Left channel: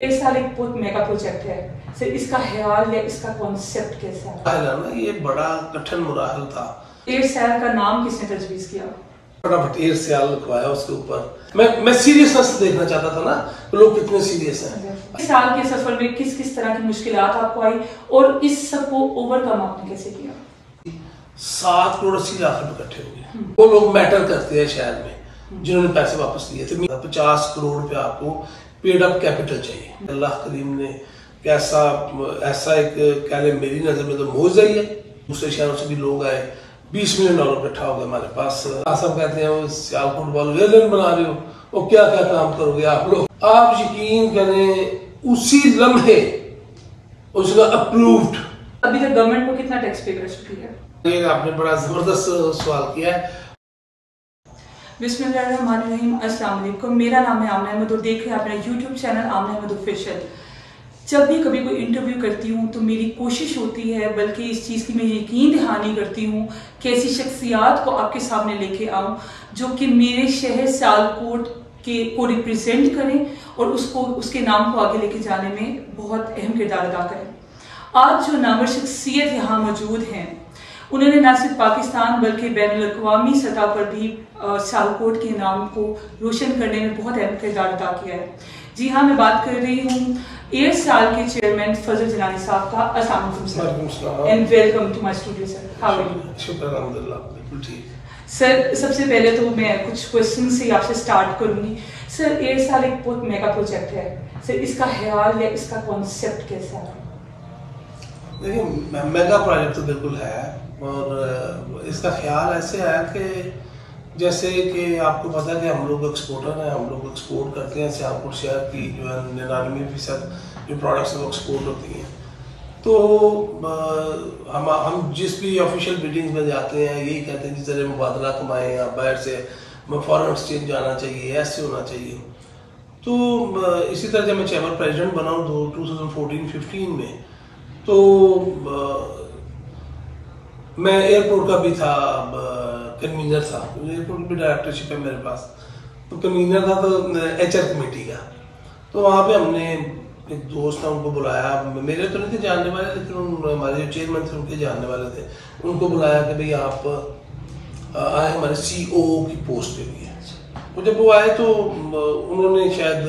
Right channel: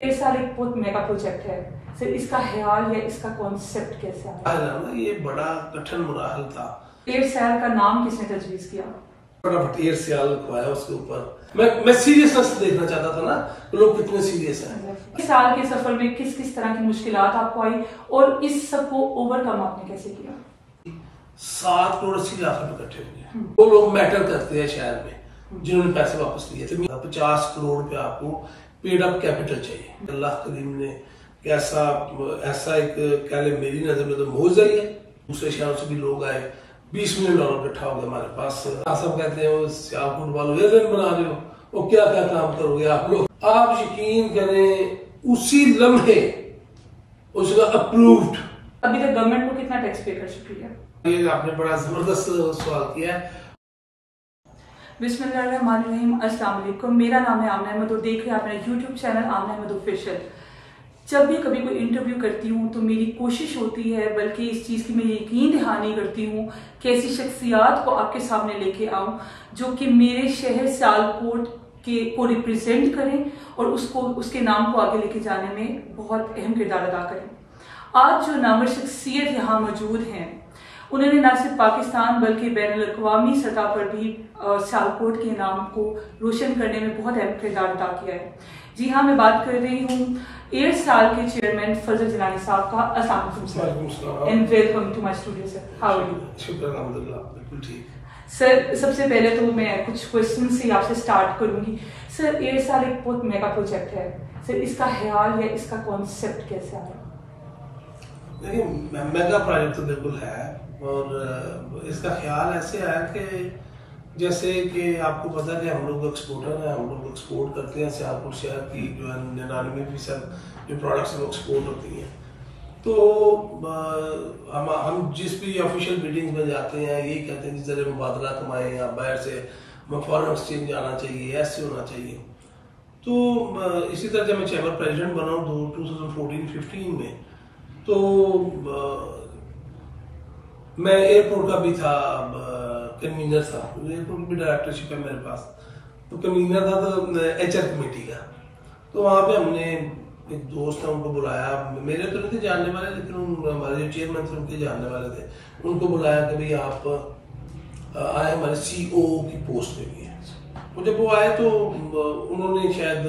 इस साल एक बहुत मेगा प्रोजेक्ट है सर, इसका ख्याल या इसका कॉन्सेप्ट कैसे आया? ना ये बड़ा कठिन मुराहल था। एयर सैल का नाम किसने तजवीज किया? फटाफट एयर सैल लिखवाया उसके ऊपर। मैं सीरियसनेस देखना चाहता था ना, लोग कितने सीरियस हैं। इस साल के सफर में किस किस तरह की मुश्किलात आपको आई और इस सब को ओवरकम आपने कैसे किया? 7 करोड़ 80 लाख रुपए इकट्ठे हुए। वो लोग मैटर करते हैं शहर में जिन्होंने पैसे वापस लिए थे। 50 करोड़ रुपए आपको पेड अप कैपिटल चाहिए। अल्लाह करीम ने कैसा ऐसा एक कह ले, मेरी नजर में तो मौज आई है। दूसरे शहरों से भी लोग आए, $20 मिलियन इकट्ठा हो गया हमारे पास। सब कहते हैं सियालकोट वालों एयरलाइन बना रहे हो, वो क्या क्या काम करोगे आप लोग। आप यकीन करें उसी लम्हे उसका अप्रूव्ड। अभी तक गवर्नमेंट को कितना टैक्स पे कर चुकी है? ये आपने बड़ा जबरदस्त सवाल किया है। बिस्मिल्लाहिर्रहमानिर्रहीम, अस्सलाम वालेकुम। मेरा नाम है आमना अहमद और देख रहे हैं अपना यूट्यूब चैनल आमना अहमद ऑफिशियल। जब भी कभी कोई इंटरव्यू करती हूँ तो मेरी कोशिश होती है, बल्कि इस चीज़ की मैं यकीन दहानी करती हूँ कि ऐसी शख्सियात को आपके सामने लेके आऊँ जो कि मेरे शहर सियालकोट को रिप्रेजेंट करें और उसके नाम को आगे लेके जाने में बहुत अहम किरदार अदा करें। आज जो नामवर शख्सियत यहाँ मौजूद हैं, उन्होंने न सिर्फ पाकिस्तान बल्कि बैनुल-अक़वामी सतह पर भी सियालकोट के नाम को रोशन करने में बहुत अहम किरदार अदा किया है। जी हाँ, मैं बात कर रही हूँ एयर सैल के चेयरमैन फजल जलानी साहब का। अस्सलाम वालेकुम sir and welcome to my studio sir. How are you? शुक्र अल्हम्दुलिल्लाह, बिल्कुल ठीक। सर, सबसे पहले तो मैं कुछ क्वेश्चन से आपसे स्टार्ट करूंगी। सर, एयर सैल एक बहुत मेगा प्रोजेक्ट है सर, इसका ख्याल या इसका कॉन्सेप्ट कैसे आया? देखिए, मेगा प्रोजेक्ट तो बिल्कुल है और इसका ख्याल ऐसे आया कि जैसे कि आपको पता है कि हम लोग एक्सपोर्टर हैं, हम लोग एक्सपोर्ट करते हैं। सियालकोट शहर की जो है 99% जो प्रोडक्ट्स वो एक्सपोर्ट होती हैं। तो हम जिस भी ऑफिशियल मीटिंग्स में जाते हैं यही कहते हैं कि ज़रा मुबादला कमाएं, या बाहर से फॉरेन एक्सचेंज जाना चाहिए, ऐसे होना चाहिए। तो इसी तरह जब मैं चैम्बर प्रेजिडेंट बना 2014-15 में, तो मैं एयरपोर्ट का भी था, कन्वीनर था। एयरपोर्ट की भी डायरेक्टरशिप है मेरे पास, तो कन्वीनर था तो HR कमेटी का। तो वहाँ पे हमने एक दोस्त था, उनको बुलाया। मेरे तो नहीं थे जानने वाले, लेकिन हमारे जो चेयरमैन थे उनके जानने वाले थे। उनको बुलाया कि भाई आप आए हमारे CEO की पोस्ट पे लिए। तो जब वो आए तो उन्होंने शायद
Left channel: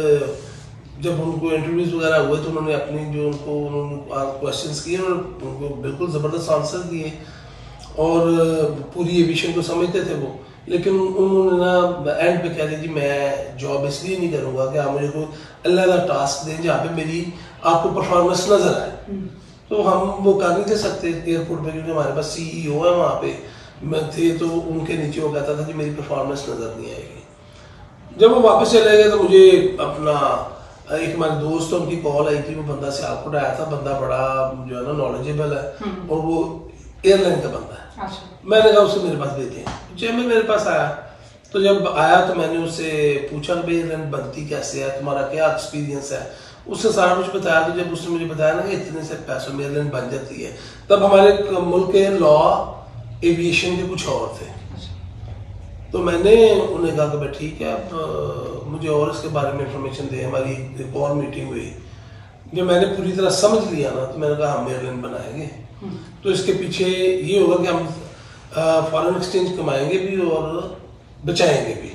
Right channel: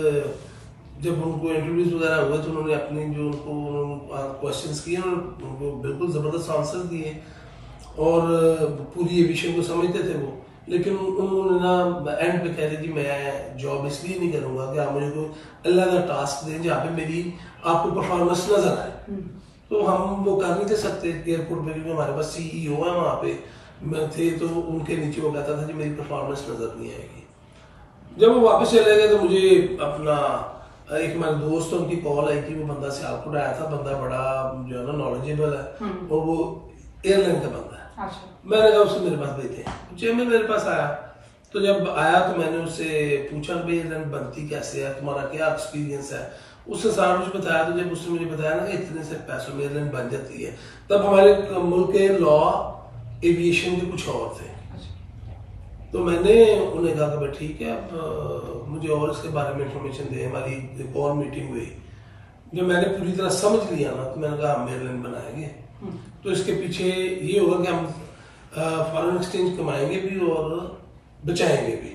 जब उनको इंटरव्यूज वगैरह हुए तो उन्होंने अपनी जो उन्होंने क्वेश्चंस किए, उनको बिल्कुल ज़बरदस्त आंसर दिए और पूरी एविएशन को समझते थे वो। लेकिन उन्होंने ना एंड पे कह दी जी मैं जॉब इसलिए नहीं करूँगा कि आप मुझे कोई अल्लाह का टास्क दें जहाँ पे मेरी आपको परफॉर्मेंस नजर आए। तो हम वो कर नहीं दे सकते एयरपोर्ट पे, क्योंकि हमारे पास CEO है वहाँ पे थे, तो उनके नीचे वो कहता था कि मेरी परफॉर्मेंस नजर नहीं आएगी। जब वो वापस चले गए तो मुझे अपना एक हमारे दोस्त उनकी कॉल आई थी। वो बंदा सियालकोट आया था, बंदा बड़ा जो है ना नॉलेजेबल है और वो एयरलाइन का बंदा है। अच्छा। मैंने कहा उसको मेरे पास भेजे। चेयरमैन मेरे पास आया, तो जब आया तो मैंने उससे पूछा कि एयरलाइन बनती कैसे है, तुम्हारा क्या एक्सपीरियंस है। उसने सारा कुछ बताया। तो जब उसने मुझे बताया ना कि इतने से पैसों में एयरलाइन बन जाती है, तब हमारे मुल्क के लॉ एविएशन के कुछ और थे। तो मैंने उन्हें कहा कि भाई ठीक है, अब मुझे और इसके बारे में इंफॉर्मेशन दे। हमारी एक और मीटिंग हुई, जब मैंने पूरी तरह समझ लिया ना, तो मैंने कहा हम एयरलाइन बनाएंगे। तो इसके पीछे ये होगा कि हम फॉरेन एक्सचेंज कमाएंगे भी और बचाएंगे भी।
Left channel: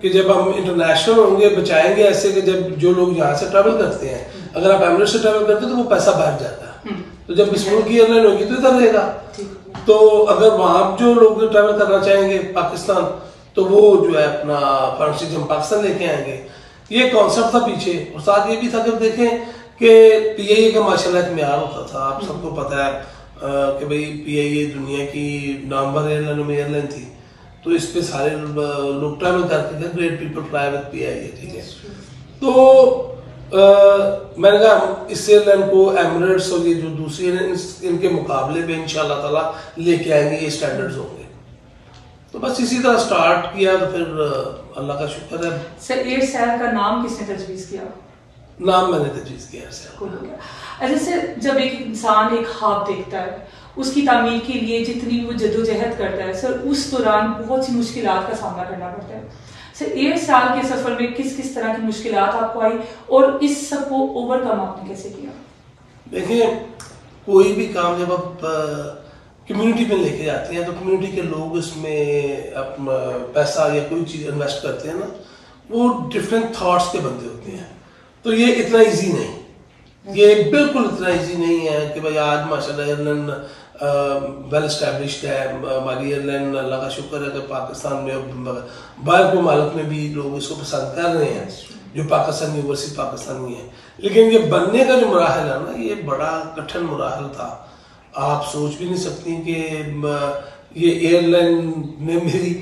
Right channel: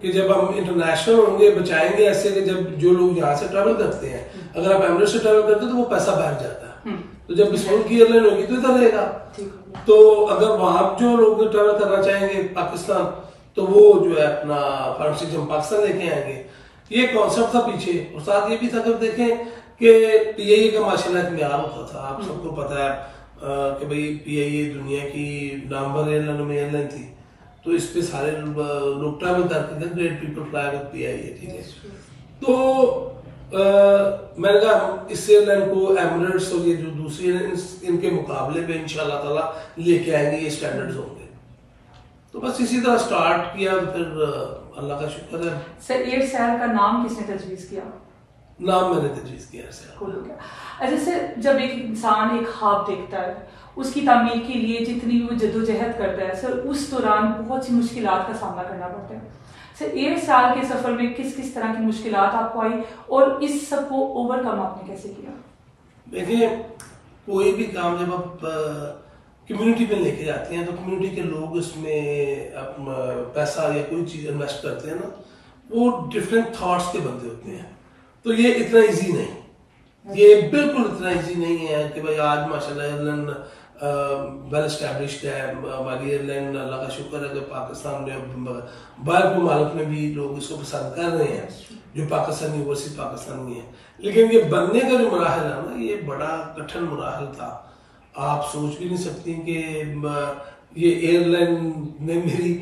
कि जब हम इंटरनेशनल होंगे, बचाएंगे ऐसे कि जब जो लोग यहाँ से ट्रैवल करते हैं, अगर आप एमिरेट्स से ट्रैवल करते हैं तो वो पैसा बाहर जाता है। तो जब इस मुल्क की एयरलाइन होगी तो इधर रहेगा। तो अगर वहां जो लोग ट्रैवल करना चाहेंगे पाकिस्तान, तो वो जो है अपना फॉरेन एक्सचेंज हम पाकिस्तान लेके आएंगे। ये कॉन्सेप्ट था पीछे। और साथ ये भी था कि देखें कि PIA का माशाल्लाह एक म्यार होता था। आप सबको पता है कि भाई PIA दुनिया की नामवर एयरलाइनों में एयरलाइन थी, तो इस पे सारे लोग ट्रैवल करते थे। Great people fly with PIA, ठीक है। तो मैंने कहा इस एयरलाइन को एमिरेट्स और ये जो दूसरी इनके मुकाबले में इंशाल्लाह ताला लेके आएंगे, ये स्टैंडर्ड्स होंगे। तो बस इसी तरह स्टार्ट किया। तो फिर अल्लाह का शुक्र है। सर, एयर सैल का नाम किसने तजवीज किया? नाम मैंने तजवीज किया एयर सैल। अच्छा सर, जब एक इंसान एक ख्वाब देखता है, उसकी तामीर के लिए जितनी वो जद्दोजहद करता है सर, उस दौरान बहुत सी मुश्किलात का सामना करना पड़ता है। 1 साल के सफर में किस किस तरह की मुश्किलात आपको आई और इस सब को ओवरकम आपने कैसे किया? देखिए, कोई भी काम जब आप कम्युनिटी में लेके जाते हैं तो कम्युनिटी के लोग इसमें पैसा या कोई चीज इन्वेस्ट करते हैं ना, वो डिफरेंट थॉट्स के बंदे होते हैं। तो ये इतना इजी नहीं, ये बिल्कुल इतना इजी नहीं है कि भाई आज माशाल्लाह एयरलाइन वेल एस्टैब्लिश्ड है। हमारी एयरलाइन अल्लाह का शुक्र है कि पाकिस्तान में बाहर के मालिक में भी लोग इसको पसंद कर रहे हैं जो पाकिस्तानी ओवरसीज पाकिस्तानी है। लेकिन ये बनने का जो मराहल है ना, ये बड़ा कठिन मराहल था। आप सोच भी नहीं सकती कि ये एयरलाइन ने मेरी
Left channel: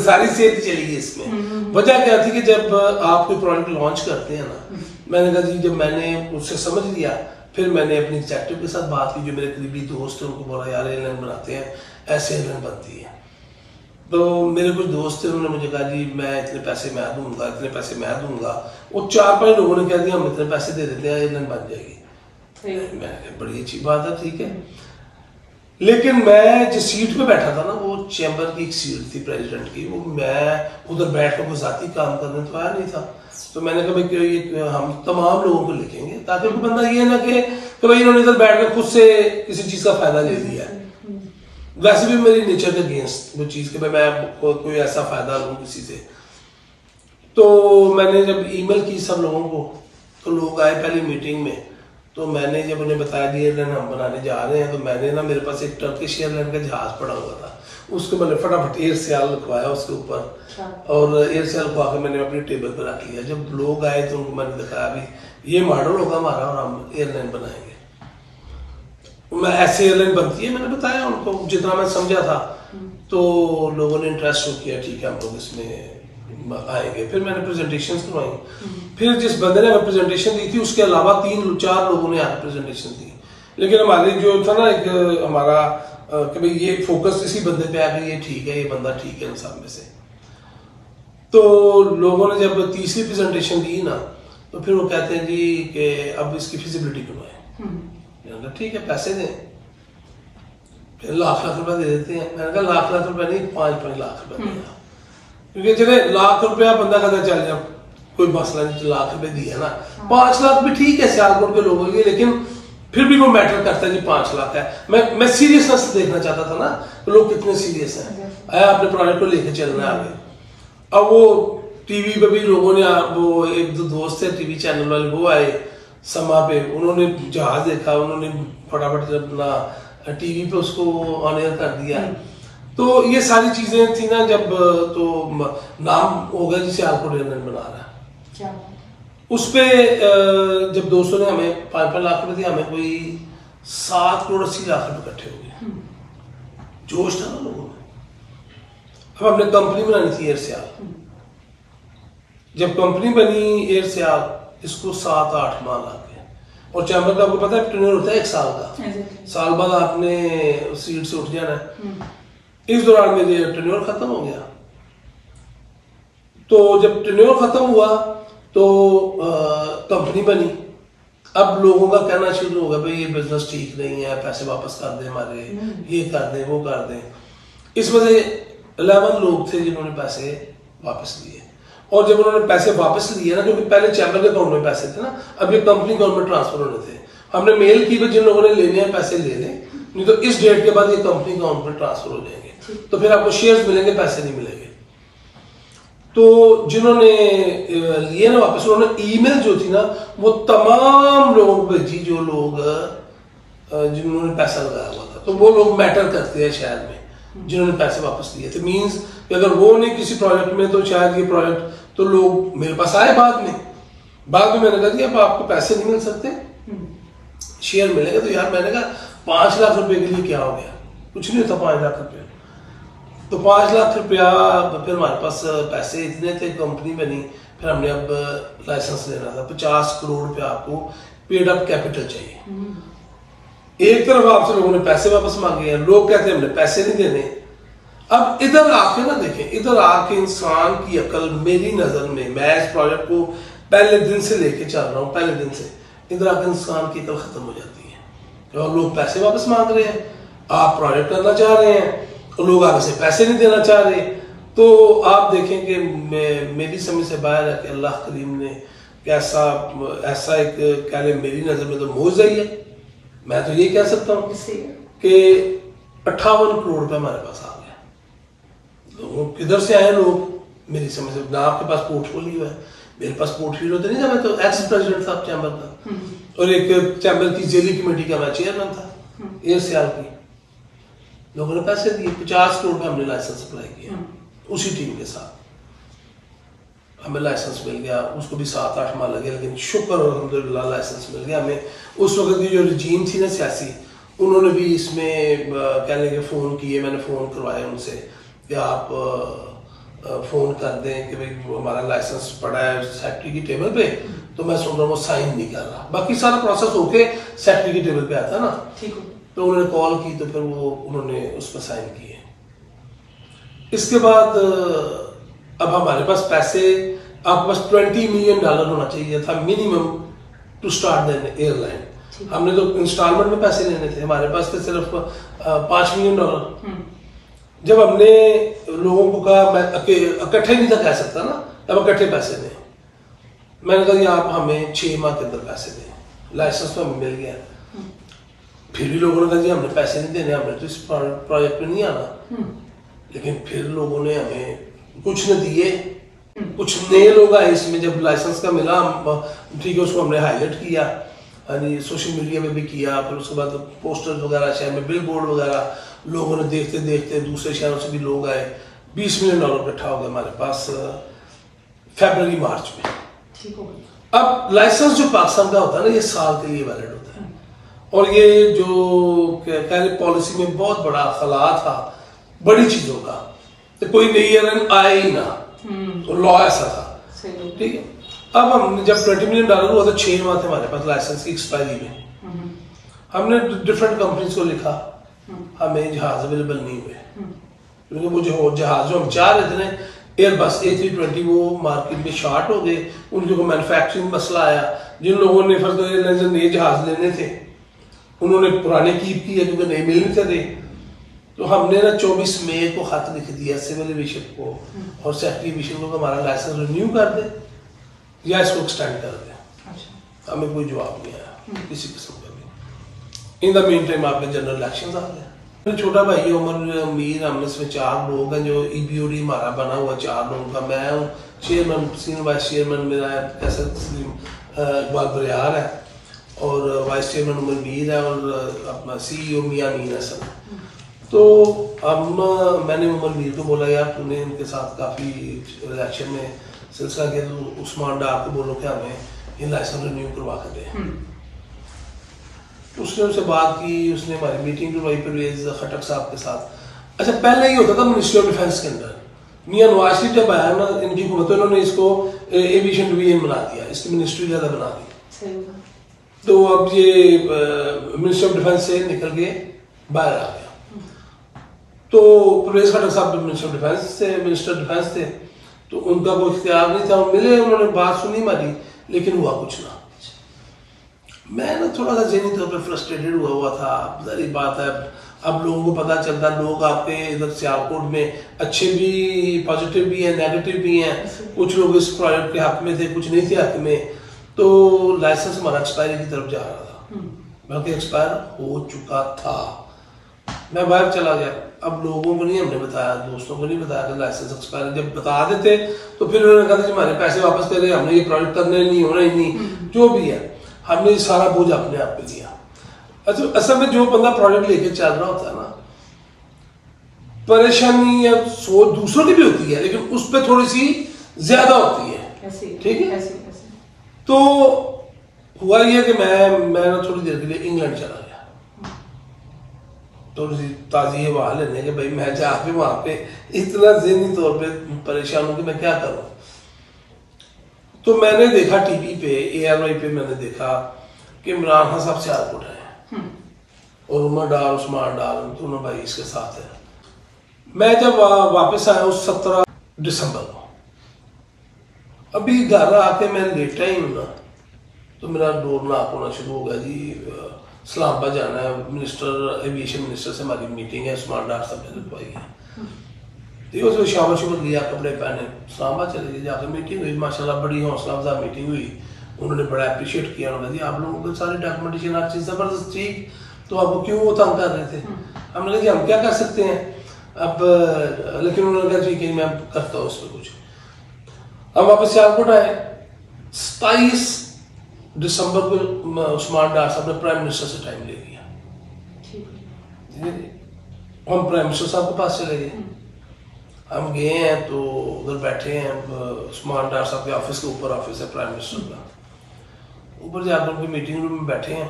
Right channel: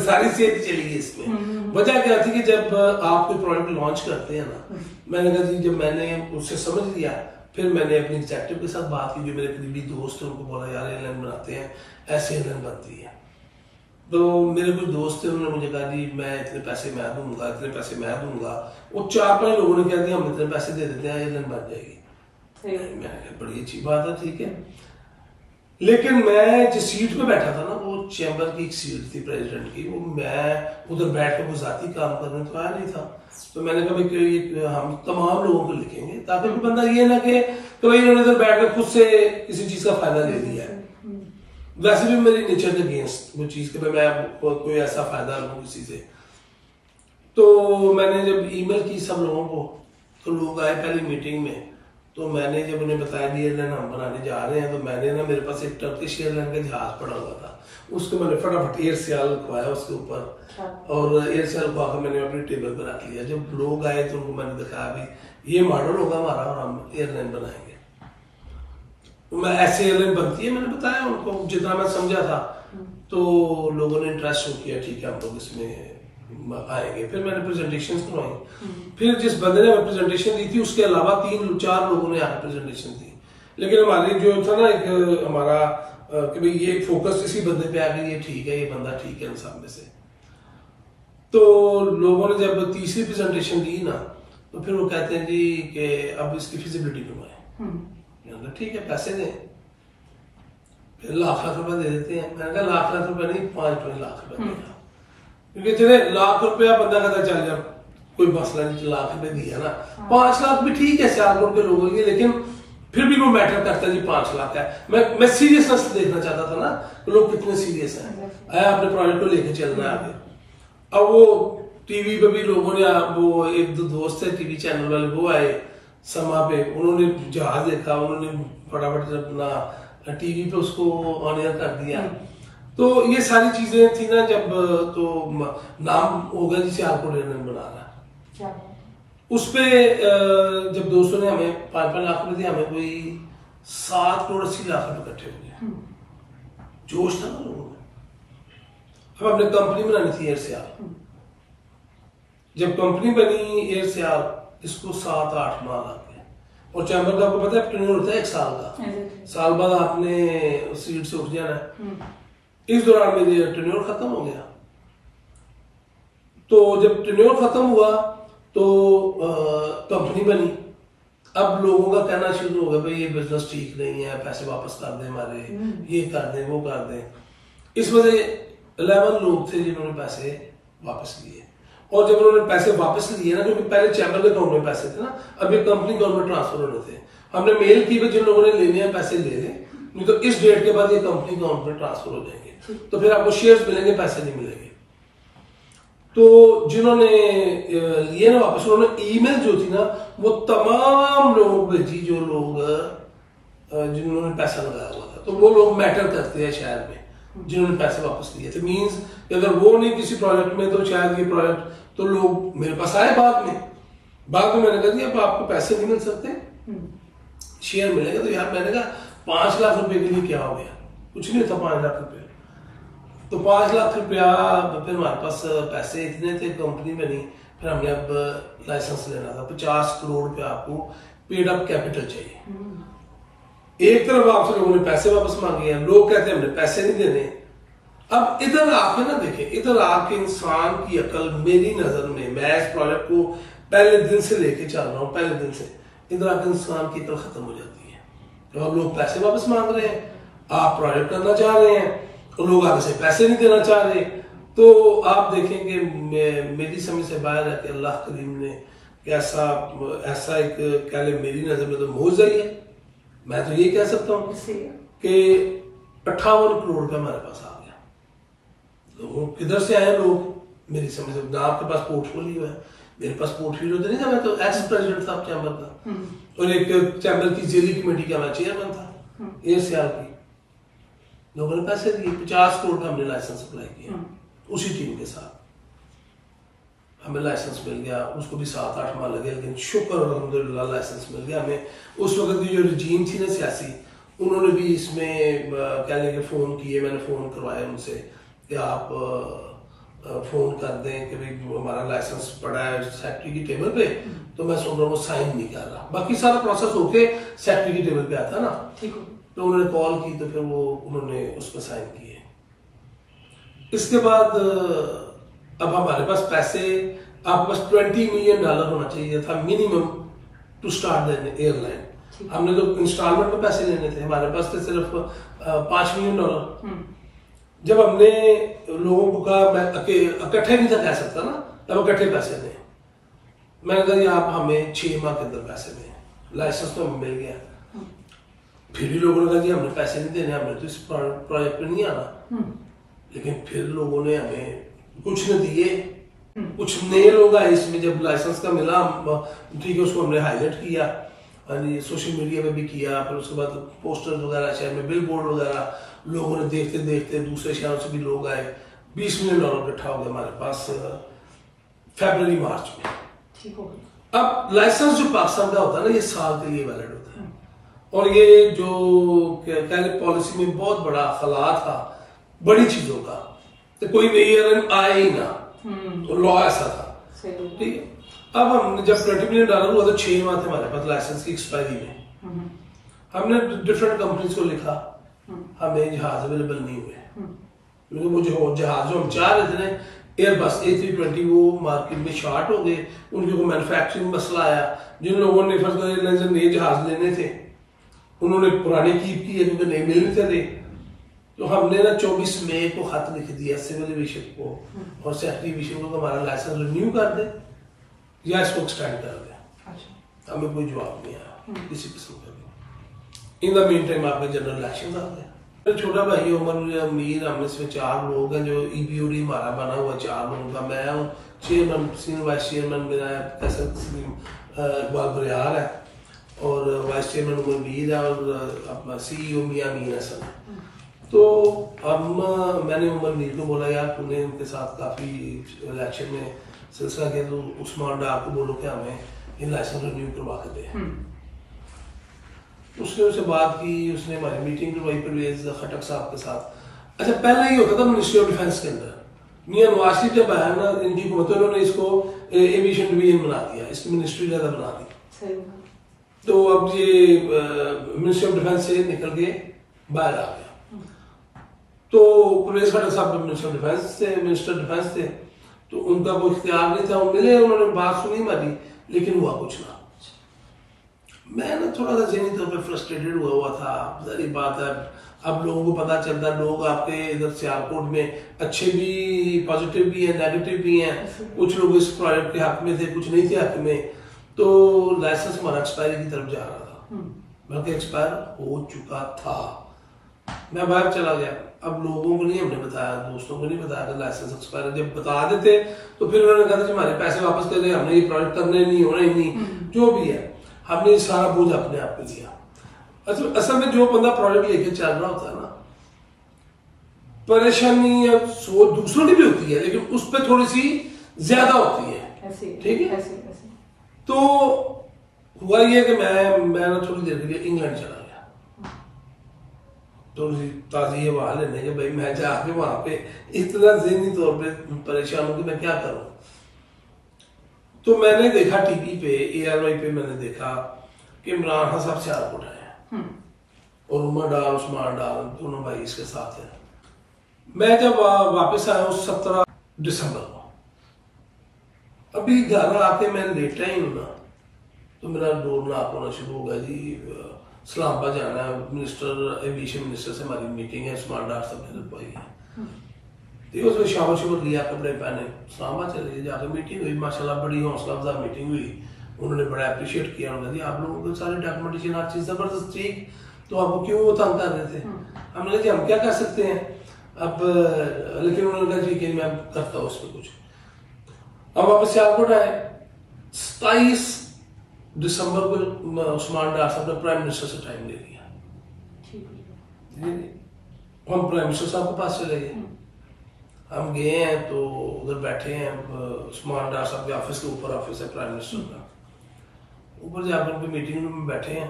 सारी सेहत चली गई इसमें। वजह क्या थी कि जब आप कोई प्रोडक्ट लॉन्च करते हैं ना, मैंने कहा जी, जब मैंने उससे समझ लिया, फिर मैंने अपने एग्जेक्टिव के साथ बात की जो मेरे करीबी दोस्त हैं, उनको बोला यार एयरलाइन बनाते हैं, ऐसे एयरलाइन बनती है। तो मेरे कुछ दोस्त थे, उन्होंने मुझे कहा जी मैं इतने पैसे मैं दूंगा, इतने पैसे मैं दूंगा। वो 4-5 लोगों ने कह दिया हम इतने पैसे दे देते हैं, एयरलाइन बन जाएगी। मैंने कहा बड़ी अच्छी बात है, ठीक है। लेकिन मैं जिस सीट पे बैठा था ना, वो चैम्बर की एक सीट थी प्रेसिडेंट की, वो मैं उधर बैठ कर कोई जाती काम करने तो आया नहीं था। तो मैंने कहा भाई हम तमाम लोगों को लिखेंगे ताकि कोई बंदा ये ना कि भाई इन्होंने इधर बैठ कर खुद से किसी चीज का फायदा ले लिया है। वैसे भी मेरी नेचर के अगेंस्ट वो चीज कि मैं कोई ऐसा फायदा लूं किसी से। तो मैंने जब ईमेल की सब लोगों को, तो लोग आए पहली मीटिंग में। तो मैंने जब उन्हें बताया कि एयरलाइन हम बनाने जा रहे हैं, तो मैंने ना, मेरे पास एक टर्किश एयरलाइन का जहाज पड़ा हुआ था, उसको मैंने फटाफट एयर सियाल लिखवाया उसके ऊपर, और एयर सियाल लिखवा के मैंने अपनी टेबल पर रख लिया। जब लोग आए तो उनको मैंने दिखाया अभी ये मॉडल होगा हमारा और हम एयरलाइन बनाएंगे। मैं ऐसे एयरलाइन बनती है, मैंने बताया उनको जितना मैं समझा था। तो लोगों ने इंटरेस्ट शो किया, ठीक है हम लोग इसमें आएंगे। फिर मैंने प्रेजेंटेशन करवाई। फिर जिस बंदे ने हमें प्रेजेंटेशन दी थी, उसके अलावा 3-4 लोगों ने आकर प्रेजेंटेशन दी। लेकिन हमारी जो था ना एक हमारा कि भाई ये फोकस इसी बंदे पे आ गई, ये ठीक है, ये बंदा ठीक है इन सब में से। तो लोगों ने जब तीसरी प्रेजेंटेशन दी ना, तो फिर वो कहते हैं जी कि अब इसकी फिजिबिलिटी करवाएं। ठीक है, पैसे दें। फिर लाख रुपए दे देते हैं। मैंने कहा लाख रुपए नहीं, 5-5 लाख रुपए दें, क्योंकि चले लाख रुपया बंदा कहता चल जा कोई मसला नहीं, लाख रुपए दिया ना, 5 लाख भी ठीक है सियालकोट के लोगों के लिए, लेकिन फिर भी वो मैटर करता है जी 5 लाख है। मैं सीरियसनेस देखना चाहता था ना, तो लोग कितने सीरियस हैं, आया अपने प्रोजेक्ट को लेके चलना आगे। अब वो टीवी पे भी लोगों ने, वो एक दो दोस्त थे टीवी चैनल वाले, वो आए समा पे, उन्होंने जहाज देखा, उन्होंने फटाफट अपना टीवी पे उसको ऑन एयर कर दिया। तो ये सारी चीजें थी ना, जब तो नाम हो गया जिसे सियालकोट एयरलाइन बना रहा है। उस पे जब दोस्तों ने हमें 5-5 लाख रुपए दिए, हमें कोई 7 करोड़ 80 लाख रुपए इकट्ठे हो गए। जोश था ना लोगों में। अब हमने कंपनी बनानी थी एयर सियाल। जब कंपनी बनी एयर सियाल, इसको 7-8 माह लग गए। और चैम्बर का आपको पता है टेन्योर होता है 1 साल का, साल बाद आपने सीट से उठ जाना है। इस दौरान मेरे टेन्योर खत्म हो गया। तो जब टेन्योर खत्म हुआ तो कंपनी बनी। अब लोगों का कहना शुरू हो गया भाई ये बिजनेस ठीक नहीं है, पैसे वापस कर दें हमारे, ये कर दें वो कर दें। इस वजह 11 लोग थे जिन्होंने पैसे वापस लिए। और जब उन्होंने पैसे वापस लिए ना, क्योंकि पहले चैम्बर के अकाउंट में पैसे थे ना, अब ये कंपनी अकाउंट में ट्रांसफर होने थे। हमने मेल की जिन लोगों ने लेने हैं पैसे ले लें, नहीं तो इस डेट के बाद ये कंपनी अकाउंट में ट्रांसफर हो जाएंगे, तो फिर आपको शेयर्स मिलेंगे, पैसे नहीं मिलेंगे। तो जिन्होंने लिए ना वापस, उन्होंने ईमेल जो थी ना, वो तमाम लोगों को भेजी जो लोग जिन्होंने पैसा लगाया हुआ था। तो वो लोग मैटर करते हैं शहर में जिन्होंने पैसे वापस लिए थे। मींस अगर वो नहीं किसी प्रोजेक्ट में, तो शायद ये प्रोजेक्ट, तो लोग मेरे पास आए बाद में मैंने कहा जी अब आपको पैसे नहीं मिल सकते, शेयर मिलेंगे। तो यार मैंने कहा 5 लाख रुपए के लिए क्या हो गया, कुछ नहीं था 5 लाख रुपए। तो 5 लाख रुपया, फिर हमारे पास पैसे इतने थे, कंपनी बनी। फिर हमने अब लाइसेंस लेना था, 50 करोड़ रुपया आपको पेड अप कैपिटल चाहिए। एक तरफ आपसे लोगों ने पैसे वापस मांगे हैं, लोग कहते हैं हमने पैसे नहीं देने। अब इधर आके ना देखें, इधर आके इंसान की अकल मेरी नजर में, मैं इस प्रोजेक्ट को पहले दिन से लेके चल रहा हूँ, पहले दिन से, इधर आके इंसान की अकल खत्म हो जाती है। और लोग पैसे वापस मांग रहे हैं, आप प्रोजेक्ट करना चाह रहे हैं, और लोग आगे से पैसे नहीं देना चाह रहे। तो आप देखें कि मेरी समझ से बाहर है कि अल्लाह करीम ने कैसा ऐसा एक कह लें, मेरी नजर में तो मौजू ही है। मैं तो ये कह सकता हूँ कि 58 करोड़ रुपए हमारे पास आ गया। तो किधर से आए लोग, मेरी समझ से ना आपके पास पोर्टफोलियो है, मेरे पास पोर्टफोलियो तो नहीं था। मैं तो एक्स प्रेसिडेंट था चैम्बर का, और एक चैम्बर की जेली कमेटी का मैं चेयरमैन था एयरसेल की। लोगों ने पैसे दिए, 50 करोड़ का हमने लाइसेंस अप्लाई किया उसी टीम के साथ, हमें लाइसेंस मिल गया। उसको भी 7-8 माह लगे, लेकिन शुक्र अल्हम्दुलिल्लाह लाइसेंस मिल गया हमें। उस वक्त की जो रजीम थी ना सियासी, उन्होंने भी इसमें कह लेंगे फ़ोन किए, मैंने फ़ोन करवाया उनसे कि आप फ़ोन कर दें कि भाई हमारा लाइसेंस पड़ा है सेक्रेटरी की टेबल पे, तो मैं सुन रहा हूँ वो साइन नहीं कर रहा। बाकी सारा प्रोसेस होके सेक्रेटरी की टेबल पे आता ना, ठीक हो। तो उन्होंने कॉल की, तो फिर वो उन्होंने उस पर साइन किए। इसके बाद अब हमारे पास पैसे, आपके पास $20 मिलियन होना चाहिए था minimum to start the airline. हमने तो इंस्टॉलमेंट में पैसे लेने थे, हमारे पास थे सिर्फ $5 मिलियन। जब हमने लोगों को कहा, मैं इकट्ठे नहीं था कह सकता ना, अब इकट्ठे पैसे दें, मैंने कहा आप हमें 6 माह के अंदर पैसे दें, लाइसेंस तो हमें मिल गया। फिर भी लोगों ने कहा जी हमें पैसे नहीं देने, हमें तो इस प्रोजेक्ट में नहीं आना। लेकिन फिर लोगों ने हमें कुछ न दिए, कुछ नए लोग आए इसमें। जब लाइसेंस का मिला, ठीक है, उसको हमने हाईलाइट किया, सोशल मीडिया में भी किया, फिर उसके बाद पोस्टर्स वगैरह शहर में, बिल बोर्ड वगैरह, लोगों ने देखते देखते दूसरे शहरों से भी लोग आए। $20 मिलियन इकट्ठा हो गया हमारे पास फरवरी मार्च में। ठीक हो गया। अब लाइसेंस जो पाकिस्तान का होता है ना, ये साल के लिए वैलिड होता है, और ये जो कह रहे पॉलिसी में बहुत बड़ा खला था बड़ी चीजों का, तो कोई नई एयरलाइन आए ही ना, तो लॉ ऐसा था। ठीक है, अब हम जब $20 मिलियन हुआ तो 6 माह थे हमारे पास लाइसेंस की एक्सपायरी में। हमने डिफरेंट कंपनीज को लिखा, हमें जहाज अवेलेबल नहीं हुए, क्योंकि वो जो जहाज जो हम चाह रहे थे ना, एयरबस A320, वो मार्केट में शॉर्ट हो गए, उनके को मैन्युफैक्चरिंग मसला आया। जिन लोगों ने फर्स्ट एयरलाइन से नए जहाज लेने थे, उन्होंने पुराने कीप किए क्योंकि नए मिल नहीं थे। तो हमने ना 24 मई को खत लिख दिया सिविल एविएशन को और सेक्रेटरी एविएशन को, हमारा लाइसेंस रिन्यू कर दे या इसको एक्सटेंड कर दे। अच्छा। हमें कोई जवाब नहीं आया किसी किस्म का भी। इन द मीन टाइम आपके जनरल इलेक्शन आ गए। मेरा छोटा भाई उमर अमीर, हम इसमें 4 लोग हैं जो EBOD हमारा बना हुआ 4 लोगों का। मैं हूँ चेयरमैन, सीनियर वाइस चेयरमैन मेरा इकबाल बरियार है, और वाइस चेयरमैन उमर मीर है, और अपना CEO मियां मीर हसन। तो अब मैंने उमर मीर को बोला यार तूने उनके साथ काफी इलेक्शन में सिलसिला किया, तो उस्मान डार को बोलो कि हमें ये लाइसेंस रिन्यू करवा के दे। उसने उससे बात की, उसने हमारी मीटिंग करवाई परवेज खटक साहब के साथ। अच्छा, पहले ही होता था मिनिस्ट्री ऑफ डिफेंस के अंदर, मियां नवाज शरीफ जब आया ना इनकी हुकूमत, इन्होंने इसको एविएशन डिवीजन बना दिया, इसकी मिनिस्ट्री ज्यादा बना दी। तो अब ये मिनिस्ट्री ऑफ डिफेंस से निकल के बाहर आ गया। तो परवेज खटक साहब मिनिस्टर ऑफ डिफेंस थे, मिनिस्टर डिफेंस थे, तो उनका कोई इख्तियार नहीं था। मिले, उन्होंने बात सुनी हमारी, लेकिन हुआ कुछ ना। मैं ना थोड़ा सा ज़हनी तौर पर फ्रस्ट्रेटेड हुआ था। जारी बात है, अब लोगों को पता चलता, लोग आपके इधर सियालकोट में अच्छे भी, पॉजिटिव भी हैं, नेगेटिव भी हैं। कुछ लोग इस प्रोजेक्ट के हक में थे, कुछ नहीं थे हक में। तो लाइसेंस हमारा एक्सपायरी की तरफ जा रहा था, बल्कि एक्सपायर हो चुका था। मैं बाहर चला गया। अब लोगों को नहीं हमने बताया, दोस्तों को नहीं बताया कि लाइसेंस एक्सपायर। जब बता देते तो फिर उन्होंने कहा कि हमारे पैसे वापस कर दे, हमने ये प्रोजेक्ट करने नहीं, होना ही नहीं, जो भी है। हमने सारा बोझ अपने आप पे लिया। अच्छा, असल में जो बंदा प्रोजेक्ट लेके चल रहा होता है ना, परेशानी या सोच दूसरों की भी होती है, लेकिन उस पर थोड़ी सी ज्यादा होती है। ठीक है, तो हुआ ये कि मैं थोड़ी देर के लिए इंग्लैंड चला गया, थोड़ी सी ताजी हवा लेने के। भाई मैं जाके वहां पे इतना ज़हनी तौर पे परेशान हूं कि मैं क्या करूं। तो मैंने देखा टीवी पे, ARY पे मैंने देखा कि इमरान खान साहब सियालकोट है और उमर डार, उस्मान डार, दोनों भाई इसके साथ है। मैं जब वापस आया हूँ 17 दिसंबर को, अभी घर आके मैं लेटा ही हूँ ना, तो मेरा डोर नॉक होना शुरू हो गया। जी इस्लामाबाद जाना है, मिनिस्टर एविएशन मिनिस्टर से हमारी मीटिंग है, उस्मान डार साहब ने रुकवाई है। तो उसमें शाबाश लिया, कपड़े पहने, इस्लामाबाद चले गए, जाकर मीटिंग हुई, माशाल्लाह बड़ी हौसला अफजा मीटिंग हुई। उन्होंने बड़ा अप्रिशिएट किया, उन्होंने कहा जी आप लोगों को सारी डॉक्यूमेंटेशन आप चीज़ ज़बरदस्त ठीक, तो आपको क्यों वो तंग कर रहे थे? हमने कहा जी हम क्या कर सकते हैं अब, लेकिन उन्होंने कहा ठीक है मैं करता हूँ उस पर कुछ। अब वापस सियालकोट आए, 27 दिसंबर को उस्मान डार साहब ने प्राइम मिनिस्टर से टाइम ले लिया, हम प्राइम मिनिस्टर साहब के पास चले गए। हम गए हैं तो उधर बैठे हैं, उस्मान डार साहब के ऑफिस के ऊपर ऑफिस है प्राइम मिनिस्टर का, ऊपर जाकर उनकी मीटिंग रूम में बैठे हैं।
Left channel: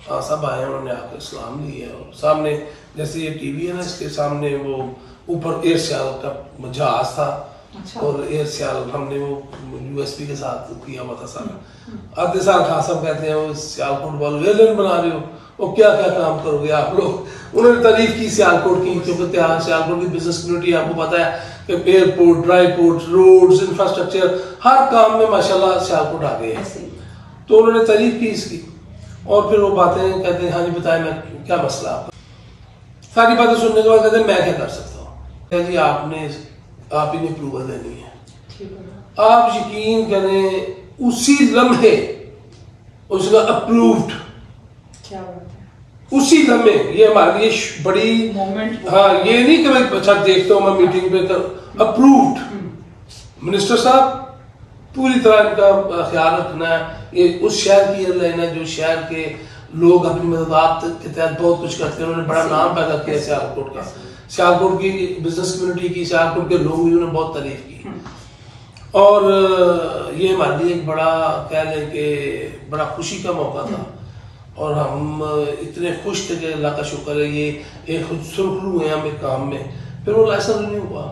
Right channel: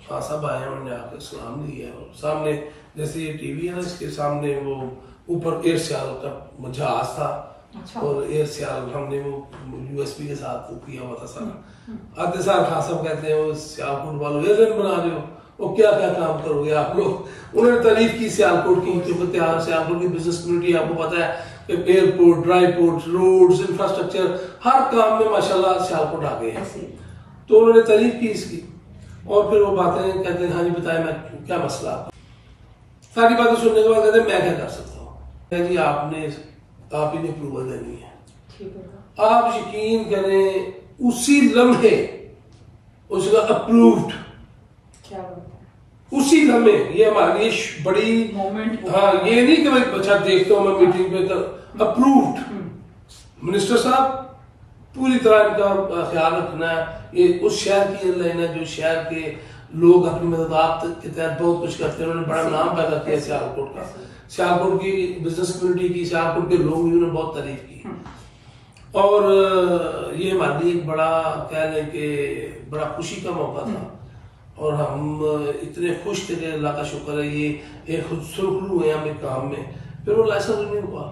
खान साहब आए, उन्होंने आकर सलाम लिया और सामने जैसे ये टीवी है ना, इसके सामने वो ऊपर एयर सियाल का जहाज था। अच्छा। और एयर सियाल हमने वो यूएसपी के साथ किया हुआ था सारा। आधे साल खान साहब कहते हैं वो सियालकोट वालों एयरलाइन बना रहे हो, वो क्या क्या काम करोगे आप लोग। उन्होंने तारीफ की सियालकोट की, क्योंकि सियालकोट की बिजनेस कम्युनिटी आपको पता है कि airport, dry port, roads, infrastructure हर काम में माशाल्लाह सियालकोट आ गए हैं। तो उन्होंने तारीफ की इसकी, और फिर वो बातें कहते हैं हाँ जी बताएं मैं क्या मसला आपका। सारी बातें सुनने के बाद कहते हैं मैं क्या कर सकता हूँ जी, आप ही ने अप्रूवल देनी है। आप यकीन करें उसी लम्हे उसका अप्रूव्ड, क्या बात है, उसी लम्हे। ये हमारे लिए बड़ी मोमेंट, हाँ ये नहीं कि मैं अच्छा देखता हूँ मैं मीटिंग पे, अप्रूव्ड। मिनिस्टर साहब पूरी तरह इनका ख्याल रखना है, ये उस शहर की एयरलाइन है जो शहर के लोग अपनी मदद के तहत बहुत कुछ करते हैं। उन्होंने बड़ा नाम पैदा किया सियालकोट का, सियालकोट की बिजनेस कम्युनिटी की, सियालकोट के लोग उन्होंने बहुत तारीफ की। और ये हमारे लिए एक बड़ा कह लें कि बड़ा खुशी का मौका था, और हम इतने खुश थे कि अल्लाह का शुक्र है ये एक सुरखरू हुए हमें काम में। फिर वो लाइसेंस नहीं हुआ,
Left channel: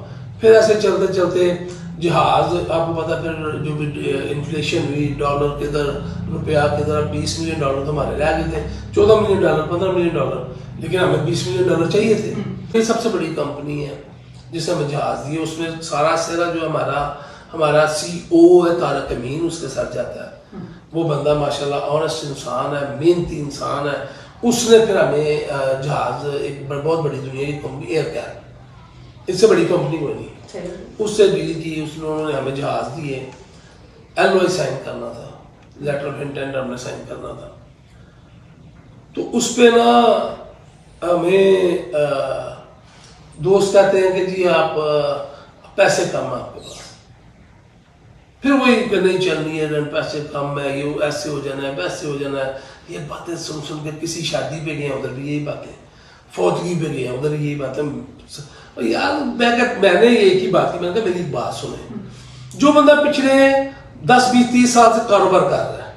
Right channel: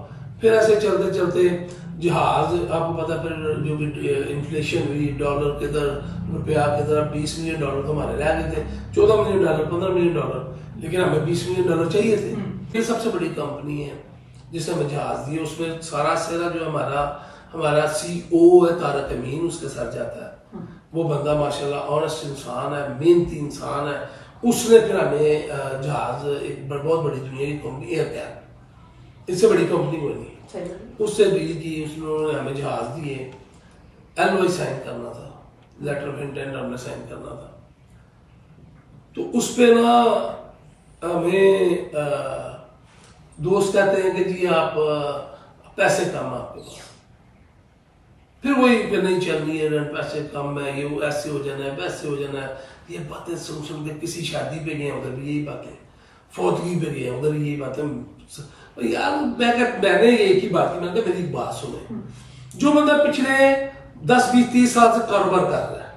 फिर ऐसे चलते चलते जहाज, आपको पता फिर जो भी इन्फ्लेशन हुई, डॉलर किधर रुपया किधर, $20 मिलियन तो हमारे रह गए थे, $14 मिलियन, $15 मिलियन, लेकिन हमें $20 मिलियन चाहिए थे। ये सबसे बड़ी कंपनी है जिसने हमें जहाज दिए, उसमें सारा सेरा जो हमारा CEO है तारक अमीन, उसके साथ जाता है। वो बंदा माशाल्लाह ऑनेस्ट इंसान है, मेहनती इंसान है। उसने फिर हमें जहाज, एक बहुत बड़ी दुनिया की कंपनी एयर कैप, इससे बड़ी कंपनी बनी, उससे डील की, उन्होंने हमें जहाज दिए। LOI साइन करना था, लेटर ऑफ इंटेंट हमने साइन करना था। तो उस पे ना हमें दोस्त कहते हैं कि जी आप पैसे कम है आपके पास, फिर वही नहीं चल रही है, पैसे कम है, ये ऐसे हो जाना है, वैसे हो जाना है। ये बातें सुन सुन के किसी शादी पे गए उधर भी यही बातें, फौतगी पे गए उधर यही बातें। यार मैंने एक ही बात की, मैंने कहा मेरी बात सुने, जो बंदा पिछले 10, 20, 30 साल से कारोबार कर रहा है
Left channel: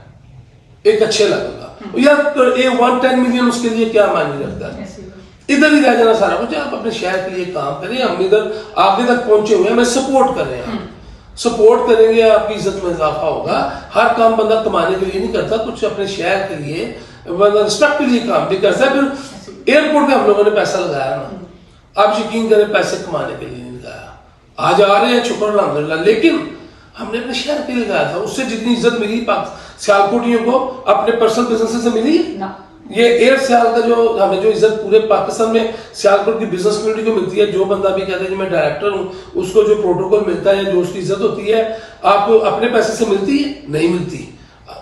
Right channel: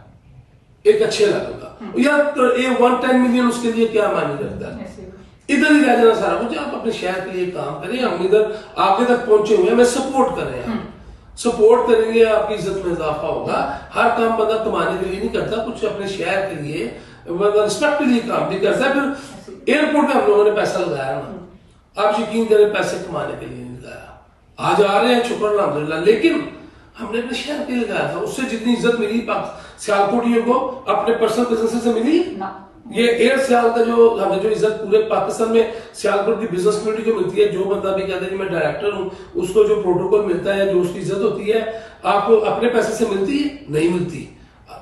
एक अच्छे लेवल का, यार ये 110 मिलियन उसके लिए क्या मायने रखता है? इधर ही रह जाना सारा कुछ। आप अपने शहर के लिए काम करें, हम इधर आगे तक पहुंचे हुए हैं, हमें सपोर्ट करें, सपोर्ट करेंगे, आपकी इज्जत में इजाफा होगा। हर काम बंदा कमाने के लिए नहीं करता, कुछ अपने शहर के लिए, बंदा रिस्पेक्ट के लिए काम भी करता है। फिर एयरपोर्ट पे हम लोगों ने पैसा लगाया ना, आप यकीन करें पैसे कमाने के लिए नहीं लगाया, आज आ रहे हैं शुक्र अल्हम्दुलिल्लाह, लेकिन हमने अपने शहर के लिए लगाया था। उससे जितनी इज्जत मिली सियालकोटियों को अपने पर्सनल बिजनेस से मिली ना, ये एयर सियाल का जो हमें जो इज्जत पूरे पाकिस्तान में सियालकोट की बिजनेस कम्युनिटी को मिलती है, जो बंदा भी कहता है कि मैं डायरेक्टर हूँ, उसको जो प्रोटोकॉल मिलता है, जो उसकी इज्जत होती है, आपको अपने पैसे से मिलती है? नहीं मिलती।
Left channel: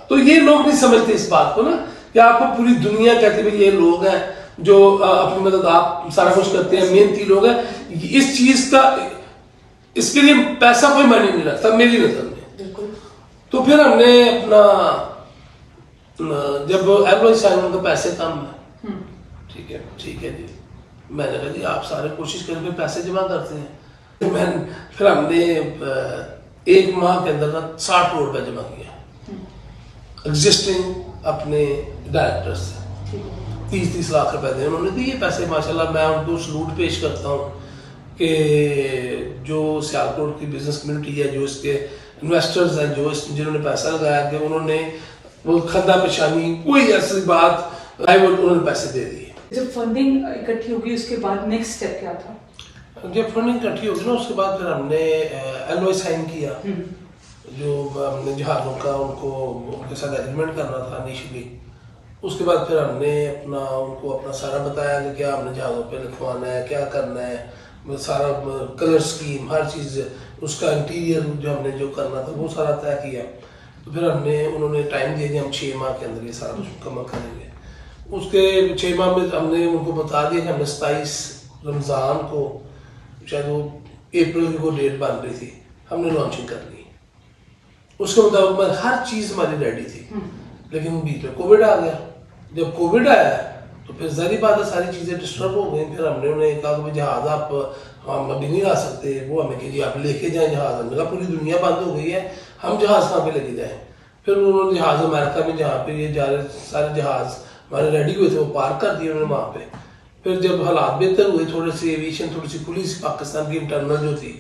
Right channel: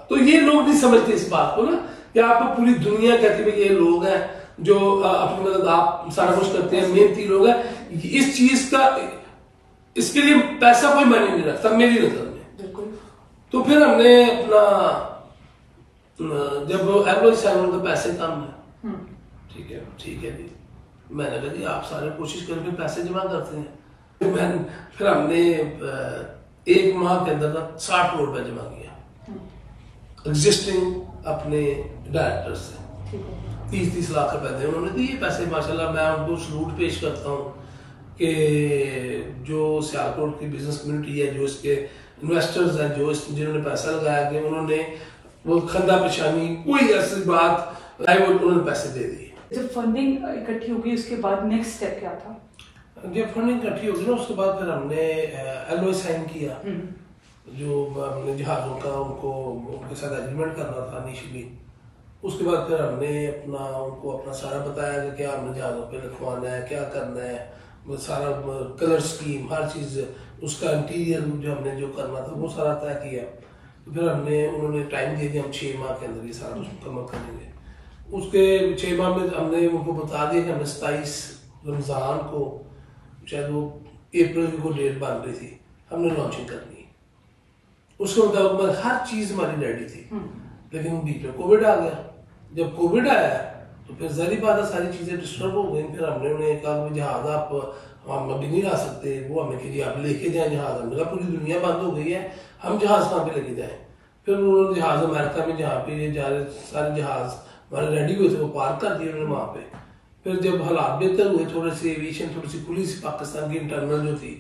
तो ये लोग नहीं समझते इस बात को ना, कि आपको पूरी दुनिया कहती है ये लोग हैं जो अपनी मदद आप सारा कुछ करते हैं, मेहनती लोग हैं। इस चीज का, इसके लिए पैसा कोई मायने नहीं रखता मेरी नजर में। तो फिर हमने अपना, जब LOI साइन का पैसे कम है, ठीक है जी, मैंने कहा जी आप सारे कोशिश करके पैसे जमा करते हैं। फिर हमने 1 माह के अंदर 60 करोड़ रुपया जमा किया एग्जिस्टिंग अपने डायरेक्टर से, 30-30 लाख रुपए थे उन्होंने दिए पैसे। माशाल्लाह मैं उनको सलूट पेश करता हूँ कि जो सियालकोट की बिजनेस कम्युनिटी है, जो इसके इन्वेस्टर्स हैं, जो जिन्होंने पैसा लगाया कि उन्होंने वो खंदा पेशानी कोई ऐसी बात आई, वो उन्होंने पैसे दे दिए। जब फंडिंग इकट्ठी होगी उसके बाद नेक्स्ट स्टेप क्या था? जब फंडिंग इकट्ठी होगी ना उसके बाद फिर हमने LOI साइन किया, जो हमने जहाजों का उनके साथ एग्रीमेंट करना था इनिशियली। उसके बाद फिर हमने उनको अपना सारा बताया कि क्या हमने जहाजों पे लिखवाना है, क्या करना है, सारा कलर स्कीम हर चीज़, उसका इंटीरियर जो हमने जो करना था वो सारा तय किया। तो फिर उन्होंने टाइम दिया कि हम 6 माह के अंदर ये सारा कुछ मुकम्मल करेंगे। उसके 6 माह में हमने उनको बता दिया कि हमने 27 रमज़ान को, शायद वो अप्रैल की वो डेट बन रही थी, हमने लॉन्चिंग कर ली। उसके मुताबिक हर चीज़ हमारी रेडी थी, लेकिन बीच में कोविड आ गया। जब कोविड आया तो फिर ज़ाहिर बात है सारी चीज़ें डिस्टर्ब हो गई। फिर हमने उन्हें कहा कि जहाज़ आप हम अभी नहीं ला सकते, वो हमें कि आप लेके जाएं जहाज़। हमने कहा पूरी दुनिया बंद हो गई है, हम जहाज़ कहाँ पे लेके जाएं। फिर उन्होंने जहाज़ अमेरिका में जहाँ पे ये जा रहे सारे जहाज़ हमारे रेडी हुए थे वो पार्क कर दिए उन्होंने वहाँ पे। फिर जब हालात बेहतर हुए, थोड़े से एविएशन थोड़ी सी खुली सी पाकिस्तान की इंटरनल जो थी,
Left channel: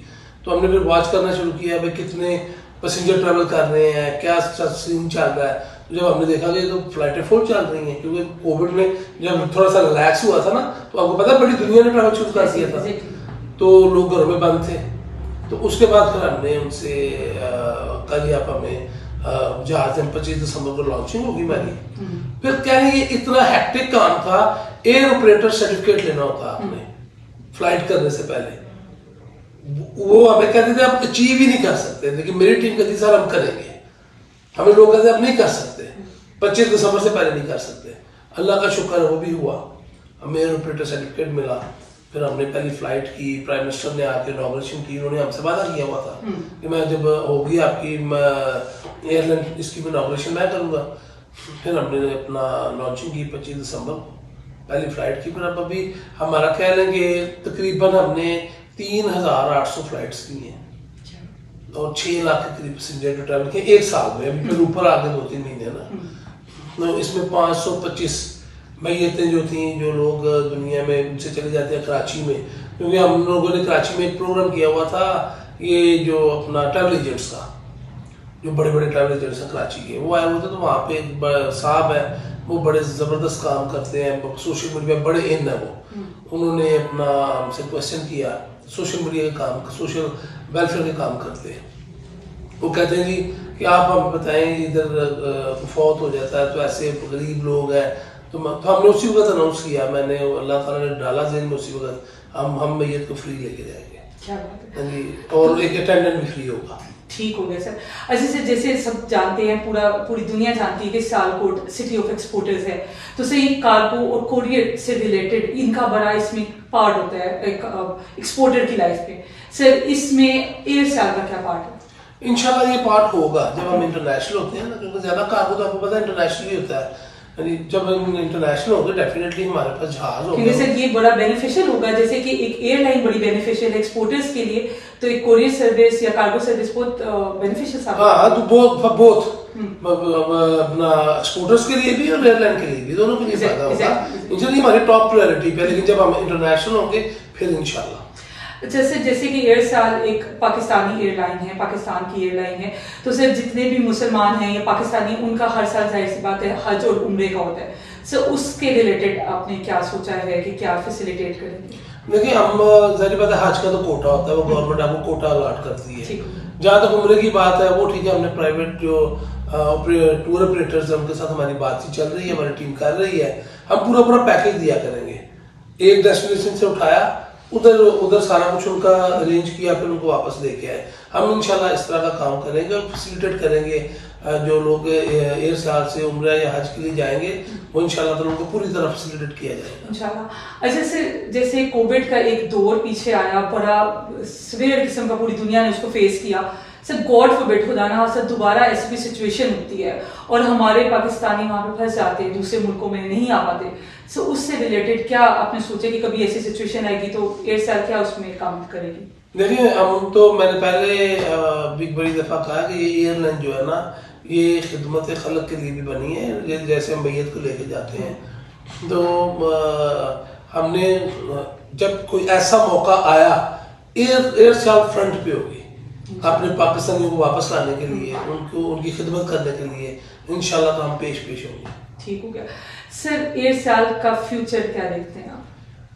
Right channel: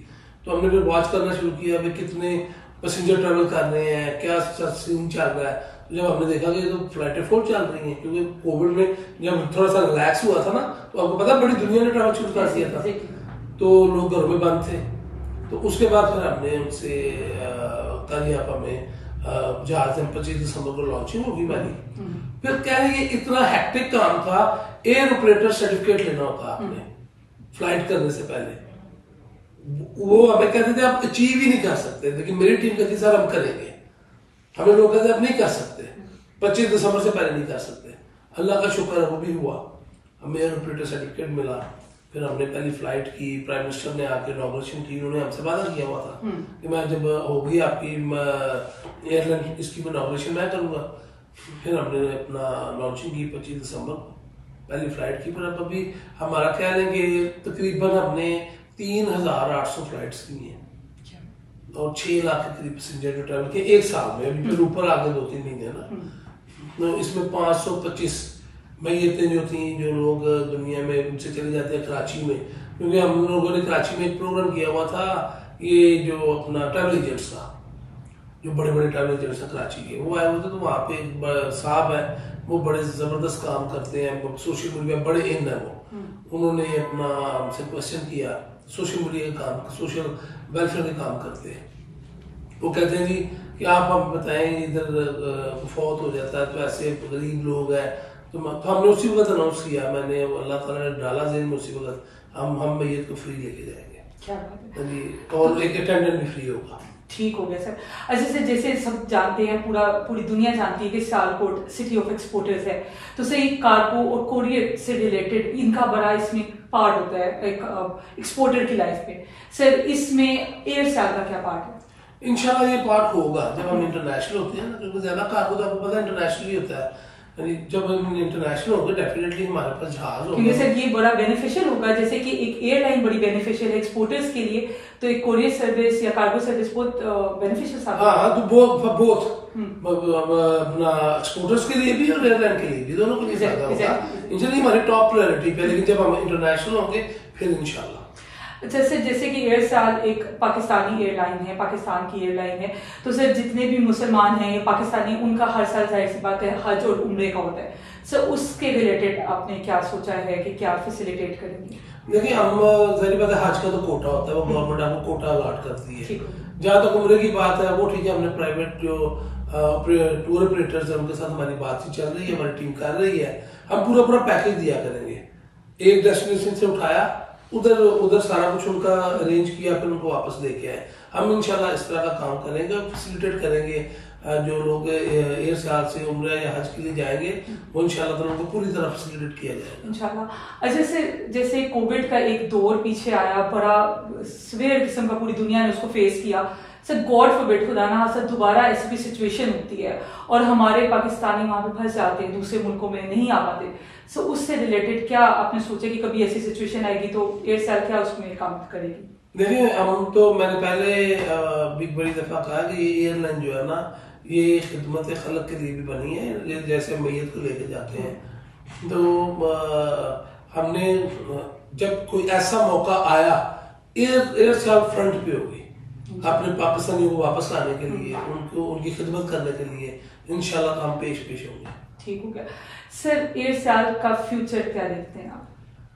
तो हमने फिर वॉच करना शुरू किया भाई कितने पैसेंजर ट्रैवल कर रहे हैं, क्या सीन चल रहा है। जब हमने देखा कि तो फ्लाइटें फुल चल रही हैं, क्योंकि कोविड में जब थोड़ा सा रिलैक्स हुआ था ना, तो आपको पता बड़ी दुनिया ने ट्रैवल शुरू कर दिया था, तो लोग घरों में बंद थे। तो उसके बाद फिर हमने उनसे कल आप हमें जहाज 25 दिसंबर को लॉन्चिंग होगी हमारी। फिर कह रहे ये इतना हैक्टिक काम था, एयर ऑपरेटर सर्टिफिकेट लेना होता आपने फ्लाइट करने से पहले। वो हमें कहते थे आप अचीव ही नहीं कर सकते, लेकिन मेरी टीम कहती सर हम करेंगे। हमें लोग कहते आप नहीं कर सकते, 25 दिसंबर से पहले नहीं कर सकते। अल्लाह का शुक्र है वो भी हुआ, हमें एयर ऑपरेटर सर्टिफिकेट मिला। फिर हमने पहली फ्लाइट की, प्राइम मिनिस्टर ने आके इनॉग्रेशन की, उन्होंने हमसे वादा किया हुआ था कि मैं जब होगी आपकी एयरलाइन इसकी इनॉग्रेशन मैं करूँगा। फिर हमने अपना लॉन्चिंग की 25 दिसंबर को, पहली फ्लाइट की। फिर अब अभी हमारा ख्याल है कि तकरीबन हमने 3800 फ्लाइट्स की हैं और 6 लाख के करीब पैसेंजर जो ट्रैवल किए एक साल में। अभी फिर ऊपर आगे 2-3 महीने ना, तो इसमें 525 मैयतें जो थी, जो लोग दुनिया में उनसे चले जाते हैं कराची में, क्योंकि हम लोगों ने कराची में एक प्रोग्राम किया हुआ था, ये जो अपना ट्रैवल एजेंट्स का, जो बड़े बड़े ट्रैवल एजेंट्स हैं कराची के, वो आए हुए थे। तो वहाँ पे एक साहब है, वो बड़े जबरदस्त काम करते हैं, सोशल मीडिया बड़े इन है वो। उन्होंने अपना हमसे क्वेश्चन किया, सोशल मीडिया के काम, सोशल वेलफेयर के काम करते हैं। वो कहते हैं जी कि आप हम बताएं इधर फौत हो जाता है तो ऐसे गरीब लोग हैं, तो हमने उसी वक्त अनाउंस किया, मैंने अल्लाह ताला ने डाला ज़हन में उसी वक्त हम मैयत को फ्री लेके जाएंगे। क्या बात है। और एक अटेंडेंट भी फ्री होगा। ठीक हो गया सर। अच्छा सर, जैसे सब जानते हैं, पूरी दुनिया जानती है कि सियालकोट सिटी ऑफ एक्सपोर्टर्स है, तो सर ये कार्गो और कोरियर से रिलेटेड इनका बड़ा इसमें पार्ट होता है एक एक्सपोर्टर की लाइफ में। सर इसमें एयर साल का क्या पार्ट है? इंशाल्लाह ये पार्ट होगा जब हम इंटरनेशनल होते हैं ना, क्योंकि ज्यादा कार्गो तो आपको पता है इंटरनेशनल ही होता है। जब हम इंटरनेशनल होंगे डेफिनेटली हमारे पास जहाज होगा। क्योंकि सर ये बड़ा बेनिफिशियल होगा, जैसे कि एक एयरलाइन बड़ी बेनिफिशियल है एक्सपोर्टर्स के लिए, तो एक कोरियर सर्विस या कार्गो सर्विस बहुत बेनिफिशियल साबित होगा। हाँ, तो बहुत अपना एक्सपोर्टर्स के लिए भी और एयरलाइन के लिए भी, दोनों के लिए फायदा होगा। इंशाल्लाह हमारी टॉप प्रायोरिटी पे, लेकिन जब हम इंटरनेशनल होंगे फिर इंशाल्लाह। अच्छा सर, जैसे कि एयर साल एक पाकिस्तानी एयरलाइन है, पाकिस्तान की एयरलाइन है, तो सर जितने भी मुसलमान हैं या पाकिस्तानी, उनका हर साल जाहिर सी बात है हज और उम्रे का होता है। सर उसके रिलेटेड आपने क्या सोचा है कि क्या फैसिलिटेट करेंगे? देखिए हम जाहिर बात है हज का तो कोटा होता है, वो गवर्नमेंट आपको कोटा अलॉट करती है। जहाँ तक उम्रे की बात है वो ठीक है, हमने प्राइवेट जो टूर ऑपरेटर्स है उनके साथ हमारी बातचीत चल रही है, हमारी टीम कर रही है। हम पूरा पैकेज दिया करेंगे, एक डेस्टिनेशन से उठाया, उधर सारा कुछ उनका अरेंज किया, फिर उनको वापस लेके आए। हम इंशाल्लाह इस तरह का काम करेंगे, फैसिलिटेट करेंगे। जो लोग एयर साल से उम्रा या हज के लिए जाएंगे वो इंशाल्लाह तो उनको पूरी तरह फैसिलिटेट किया जाएगा इंशाल्लाह। अच्छा सर, जैसे कोविड का एक दौर पीछे आया, बड़ा सीवियर किस्म का पूरी दुनिया ने उसको फेस किया। सर गॉड फॉरबिड, खुदा ना खास्ता दोबारा ऐसी भी सिचुएशन होती है और हमारे पाकिस्तानी वहां पे फंस जाते हैं, दूसरे मुल्कों में नहीं आ पाते, सो उससे रिलेटेड क्या आपने सोचा कि कभी ऐसी सिचुएशन आएगी तो एयरसेल क्या उसमें काम करेगी? देखिए हम तो मैंने पहले एक बड़ी दफा कहा कि ये एयरलाइन जो है ना, ये खिदमत खलक के लिए भी बनी है, जैसे हम मैयत को लेके जाते हैं। तो हमने जब कोई ऐसा मौका आया, एयरसेल फ्रंट पे होगी अपने पाकिस्तानियों को वापस लाने के लिए, उनकी खिदमत करने के लिए। इंशाल्लाह तो हम पेश होंगे। ठीक हो गया सर। एयरसेल का फ्यूचर क्या देखते हैं आप?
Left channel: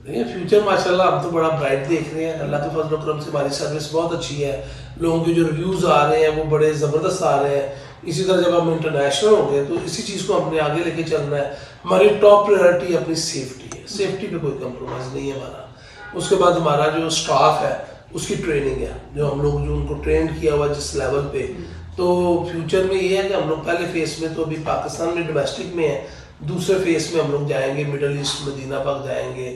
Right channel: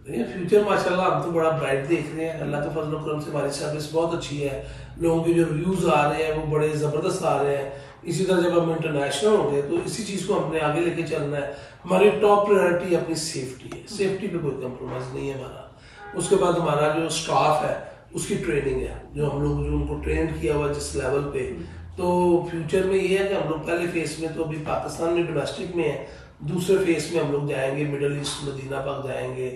देखिए फ्यूचर माशाल्लाह हम तो बड़ा ब्राइट देख रहे हैं, अल्लाह के फजल करम से हमारी सर्विस बहुत अच्छी है, लोगों के जो रिव्यूज आ रहे हैं वो बड़े जबरदस्त आ रहे हैं। इसी तरह जब हम इंटरनेशनल होंगे तो इसी चीज को हमने आगे लेके चलना है। हमारी टॉप प्रायोरिटी अपनी सेफ्टी है, सेफ्टी पे कोई कंप्रोमाइज नहीं है हमारा। उसके बाद हमारा जो स्टाफ है उसकी ट्रेनिंग है, जो हम लोग जो उनको ट्रेन किया हुआ जिस लेवल पे। तो फ्यूचर में ये है कि हम लोग पहले फेस में तो अभी पाकिस्तान में डोमेस्टिक में है, दूसरे फेस में हम लोग जाएंगे मिडल ईस्ट, मदीना पाक जाएंगे,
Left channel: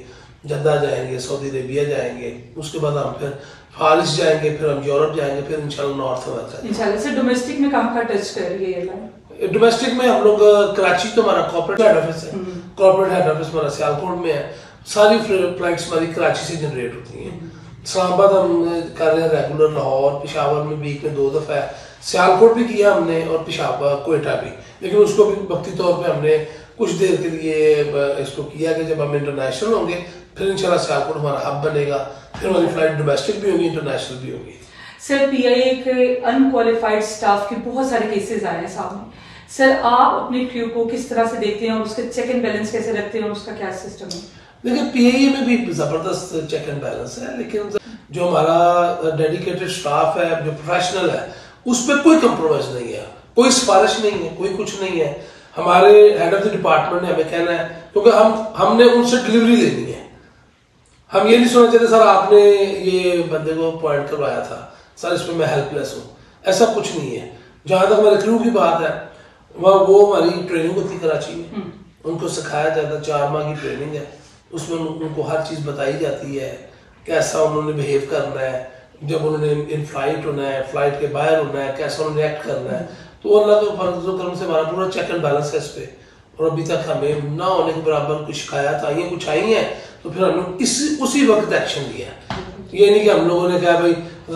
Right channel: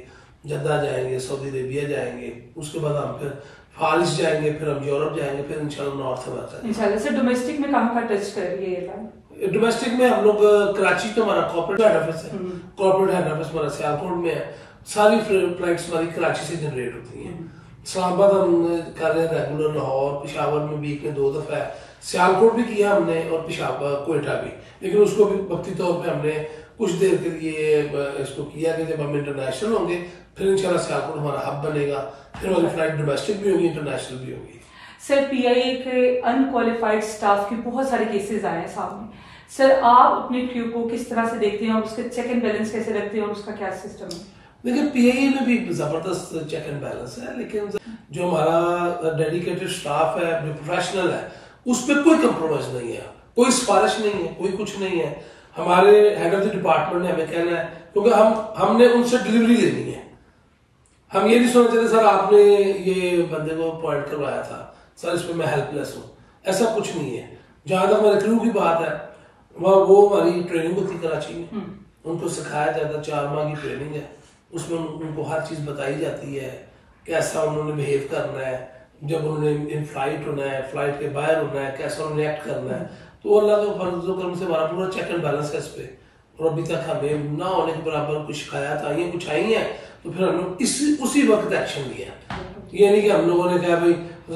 जद्दा जाएंगे, सऊदी अरेबिया जाएंगे, उसके बाद हम फिर फारिस जाएंगे, फिर हम यूरोप जाएंगे, फिर इंशाल्लाह नॉर्थ अमेरिका। इंशाल्लाह। सर डोमेस्टिक में कहाँ का टच कर रही है एयरलाइन? डोमेस्टिक में हम लोग कराची तो हमारा कॉर्पोरेट हेड ऑफिस है, कॉर्पोरेट हेड ऑफिस हमारा सियालकोट में है, सारी फ्लाइट्स हमारी कराची से जनरेट होती हैं। इस्लामाबाद हम कर रहे हैं रेगुलर, लाहौर पेशावर में वीक में 2 दफा है, सियालकोट भी किया हमने और पेशावर कोयटा भी, लेकिन उसको भी वक्ती तौर पे हमने कुछ देर के लिए इसको किया कि जब हम इंटरनेशनल होंगे फिर इंशाल्लाह सियालकोट हमारा हब बनेगा, फिर हमारी फ्लाइट डोमेस्टिक भी होगी, इंटरनेशनल भी होगी। सर पीआईए के अनक्वालिफाइड स्टाफ के बहुत सारे केसेस आए हैं सामने। सर आप अपने क्रू को किस तरह से देखते हैं और उसके चेक एंड बैलेंस कैसे रखते हैं और उसका क्या सिस्टम है? देखिए पीआईए में भी जबरदस्त चेक एंड बैलेंस है, लेकिन जो हमारा डेडिकेटेड स्टाफ है, जो प्रोफेशनल है, उस पर कोई कंप्रोमाइज नहीं है, कोई सिफारिश नहीं है, कोई कुछ नहीं है। हमारे हेड ऑफ द डिपार्टमेंट ने हमें कहना है, क्योंकि हमने उनसे डिलीवरी लेनी है। हम ये नहीं सोचना चाहते सर आपने ये बंदे को अपॉइंट करवाया था, सर इसमें मैं हेल्पलेस हूँ, ऐसा कुछ नहीं है। जहां तक हमारे क्रू की बात है, वो हमारी ट्रेनिंग होती कराची में, उनको सिखाया जाता है, 4 माह की ट्रेनिंग है, उसमें उनको हर चीज बताई जाती है, कैसा उन्होंने बिहेव करना है, जब उन्होंने इन फ्लाइट होना है, फ्लाइट के बाहर होना है, कैसा उन्होंने एक्ट करना है। तो अल्लाह के फजल करम से हमारा पूरा चेक एंड बैलेंस है इस पे, और अभी तक हमें ना होने के बराबर कुछ शिकायत आई है, कुछ आई है तो फिर हम लोग उसी वक्त एक्शन लिया। ये नहीं कि हम लोगों ने कहा भाई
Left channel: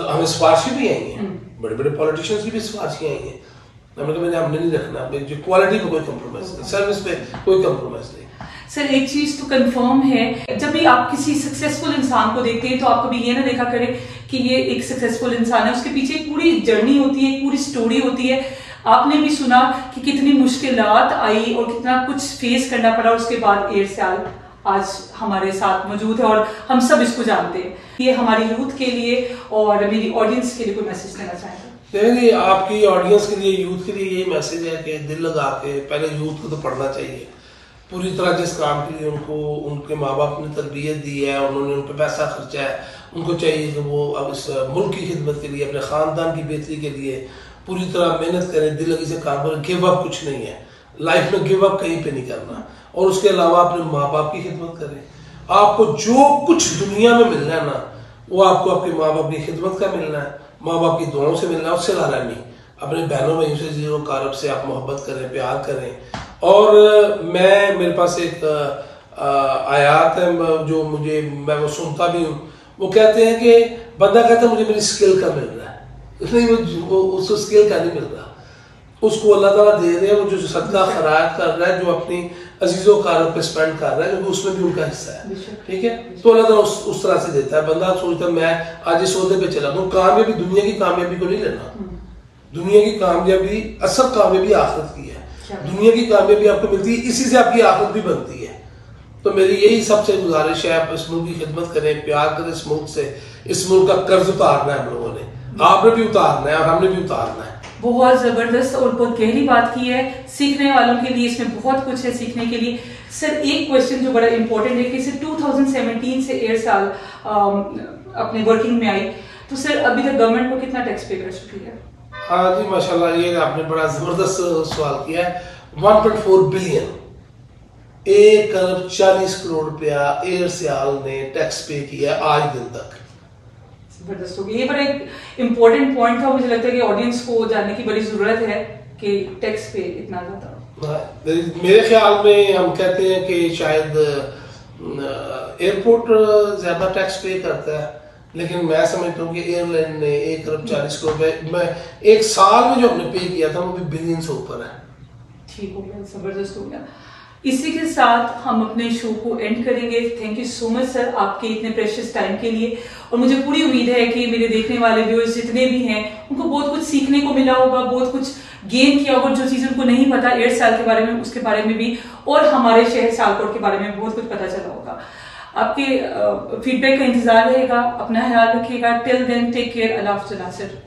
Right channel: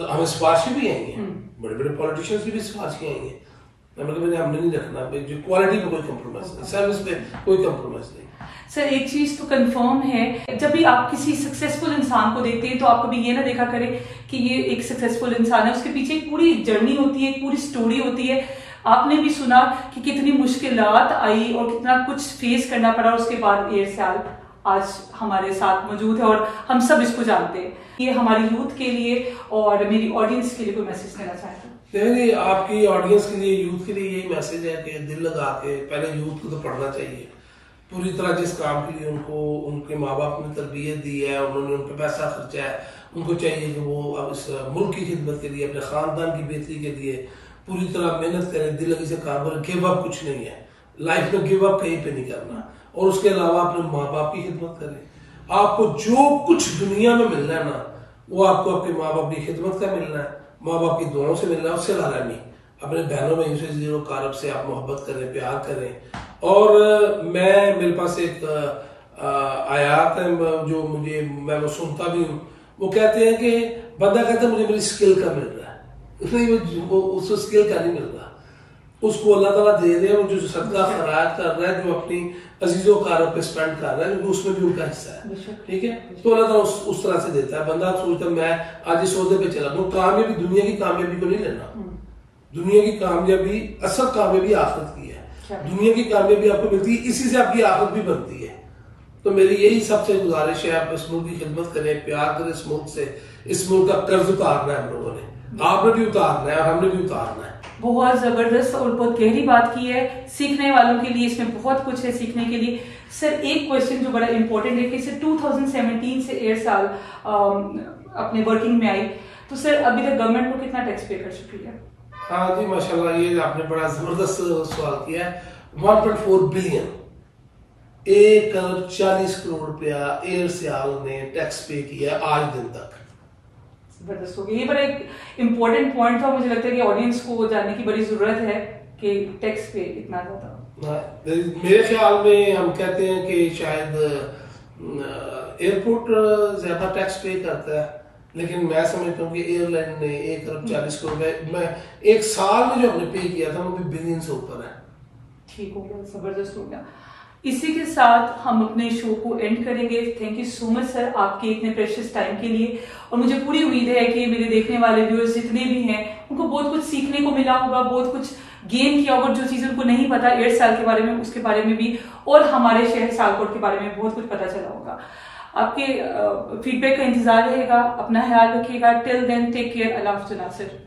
हमें सिफारिशें भी आई हैं, बड़े बड़े पॉलिटिशियंस की भी सिफारिशें आई हैं, हमने नहीं रखना, जो क्वालिटी पे कोई कंप्रोमाइज नहीं, सर्विस पे कोई कंप्रोमाइज नहीं। सर एक चीज तो कंफर्म है, जब भी आप किसी सक्सेसफुल इंसान को देखते हैं तो आप कभी ये ना देखा करें कि ये एक सक्सेसफुल इंसान है, उसके पीछे एक पूरी जर्नी होती है, एक पूरी स्टोरी होती है। आपने भी सुना कि कितनी मुश्किलात आई और कितना कुछ फेस करना पड़ा, उसके बाद एयरसेल आज हमारे साथ मौजूद है और हम सब इसको जानते हैं। ये हमारी यूथ के लिए और मेरी ऑडियंस के लिए कोई मैसेज देना चाहते हैं? देखिए आपकी ऑडियंस के लिए, यूथ के लिए यही मैसेज है कि दिल लगा के पहले यूथ को तो पढ़ना चाहिए पूरी तरह, जिस काम के लिए उनको उनके माँ बाप ने तरबियत दी है, उन्होंने उन पर पैसा खर्चा है, उनको चाहिए कि वो अब इस मुल्क की खिदमत के लिए, अपने ख़ानदान की बेहतरी के लिए पूरी तरह मेहनत करें, दिल लगी से काम करें। गिव अप कुछ नहीं है लाइफ में, गिव अप कहीं पे नहीं करना, और उसके अलावा अपने माँ बाप की खिदमत करें। आपको जो कुछ दुनिया में मिलना है ना, वो आपको अपने माँ बाप की खिदमत का मिलना है, माँ बाप की दुआओं से मिलना है, उससे लाना नहीं। अपने बहनों भाइयों से ज़ीरो कारब से आप मोहब्बत करें, प्यार करें। और मेरे पास एक आयात है जो मैं वो सुनता भी हूँ, वो कहते हैं कि बंदा कहता है मुझे मेरी स्किल का मिल रहा है, नहीं वो उसको स्किल का नहीं मिल रहा, उसको अल्लाह ताला दे रहे हैं, वो जो सदका खैरात कर रहा है, जो अपनी अजीजों कारब पे स्पेंड कर रहा है, क्योंकि उसमें भी उनका हिस्सा है, ठीक है। तो अल्लाह ताला उस तरह से देता है। बंदा सोचता है मैं आज इस ओहदे पे चला, कामयाबी दुनिया की कामयाबी को नहीं लेना, दुनिया की कामयाबी असल कामयाबी आखिरत की है। दुनिया की कामयाबी आपको मिलती है, इसी से आपकी आखिरत भी बनती है। तो मेरी यही सबसे गुजारिश है, आप इस मुल्क की खिदमत करें, प्यार करें इस मुल्क से। इस मुल्क का कर्ज उतारना है हम लोगों ने, आपने भी उतारना है और हमने भी उतारना है। बहुत जबरदस्त और बहुत गहरी बात की है, सीखने वालों के लिए इसमें बहुत कुछ है सीखने के लिए। सर एक क्वेश्चन जो बड़ा इंपॉर्टेंट है कि सर 2017 से एयरसेल अपने वर्किंग में आई, तो सर अभी तक गवर्नमेंट को कितना टैक्स पे कर चुकी है? हाँ जी माशाल्लाह, ये आपने बड़ा जबरदस्त सवाल किया है। 1.4 बिलियन, 1 अरब 40 करोड़ रुपया एयरसेल ने टैक्स पे किया आज दिन तक। जबरदस्त हो गया, ये बड़ा एक इम्पोर्टेंट पॉइंट था, मुझे लगता है कि ऑडियंस को जानने की बड़ी जरूरत है कि टैक्स पे इतना ज्यादा। मेरे ख्याल में हम कहते हैं कि शायद एयरपोर्ट ज्यादा टैक्स पे करता है, लेकिन मैं समझता हूँ कि एयरलाइन ने 1 अरब 40 करोड़ में एक साल में जो हमने पे किया था वो भी बिलियन से ऊपर है। ठीक हो गया, जबरदस्त हो गया। इसी के साथ हम अपने शो को एंड करेंगे। Thank you so much sir आपके इतने प्रेशियस टाइम के लिए, और मुझे पूरी उम्मीद है कि मेरे देखने वाले व्यूअर्स जितने भी हैं उनको बहुत कुछ सीखने को मिला होगा, बहुत कुछ गेन किया होगा, जो चीज़ उनको नहीं पता एयरसेल के बारे में उसके बारे में भी, और हमारे शहर सियालकोट के बारे में बहुत कुछ पता चला होगा। आपके फीडबैक का इंतजार रहेगा, अपना ख्याल रखिएगा। टिल देन टेक केयर, अल्लाह हाफ़िज़ नासिर।